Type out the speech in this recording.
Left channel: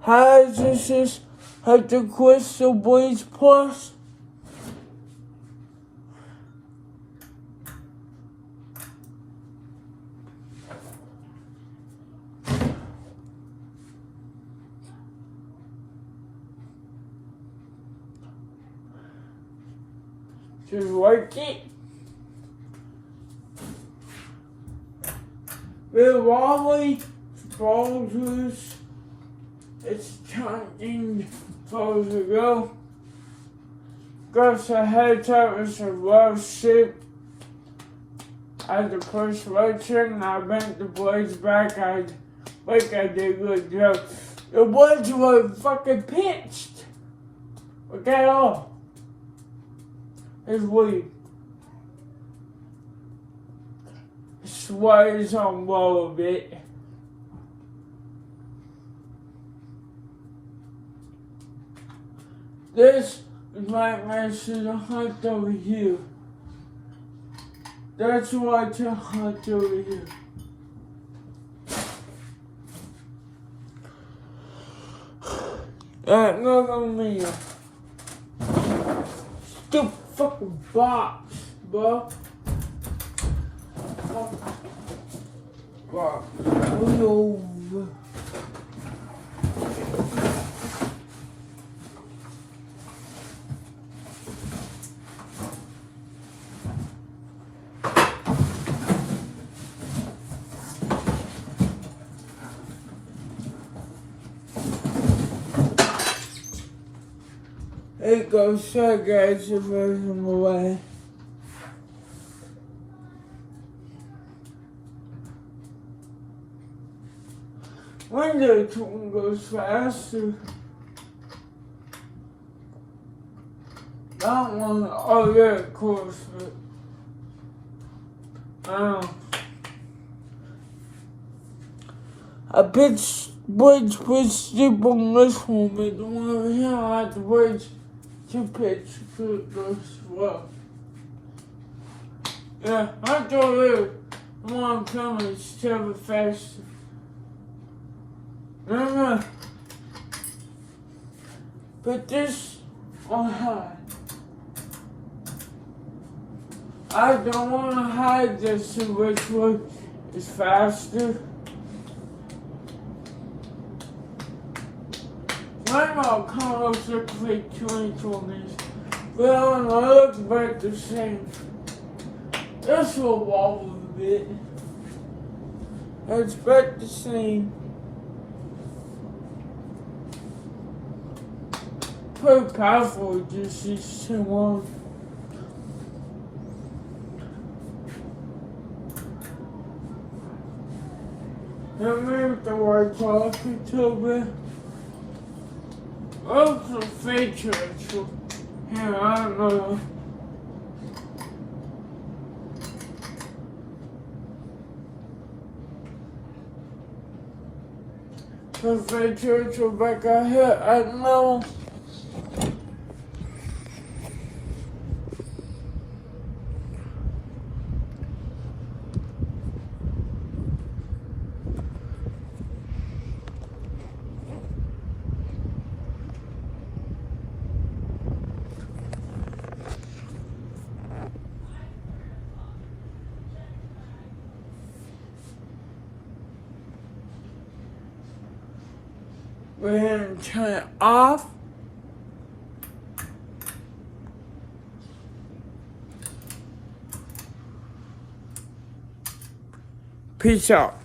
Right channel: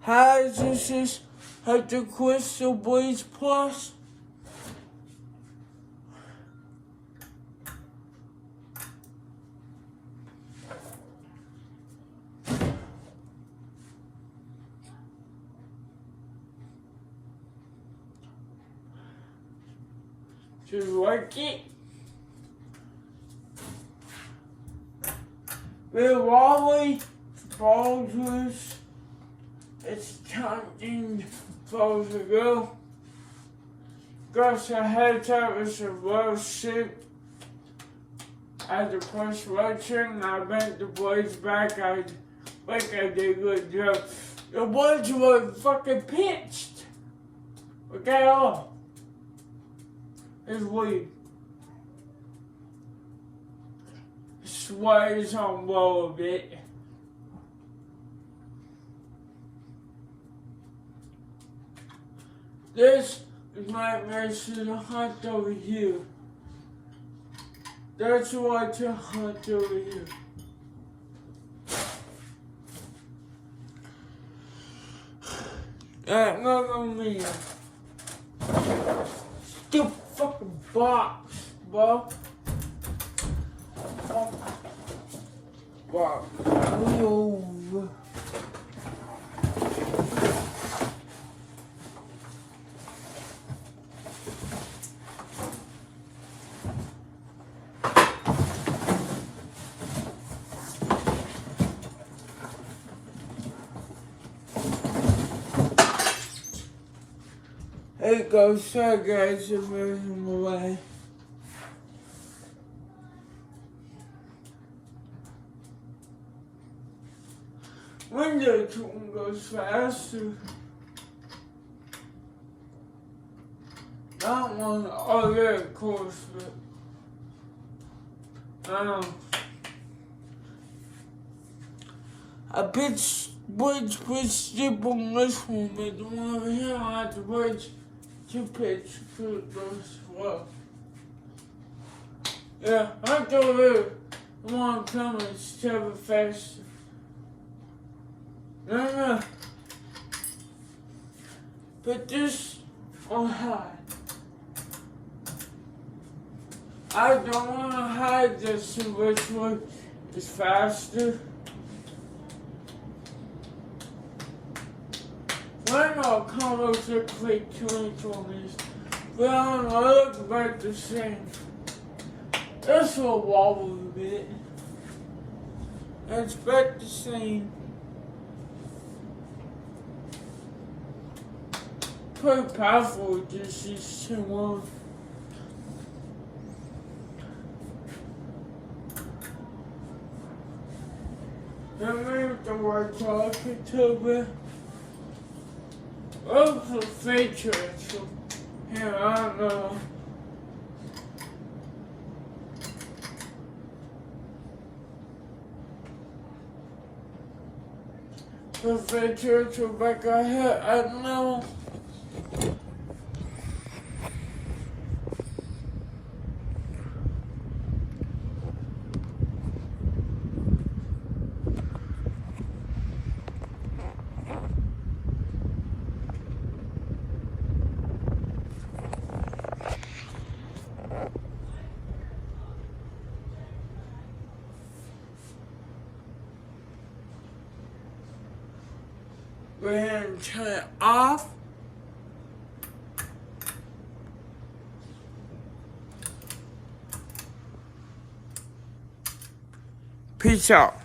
How does this have the Crystal Blaze Plus? Just like it. With Wally Boulders, it's changing for the go. Got a head top with a well shape. At the first election, I bent the blades back. I think I did a good job. The blades were fucking pitched. Look at all. It's weird. Sways on low a bit. This is my race to the hunt over here. That's why to hunt over here. Look at me. Stupid fucking box, bro. Box. Over. It goes so guys to move him away. When the tune goes faster, that one, oh yeah, of course, but, I pitched bridge with steep on this one, but the one over here I have to bridge to pitch to this well. Yeah, I go here, one coming, it's travel faster. No. Put this on high. I don't want to hide this in which one is faster. Why not Carlos look like 22 minutes? We don't look about the same. This will wobble a bit. It's about the same. Pretty powerful, just these two on. I moved the white off a little bit. Also feature it, so here, I don't know. The feature it back out here, I don't know. We're going to turn it off. Peace out.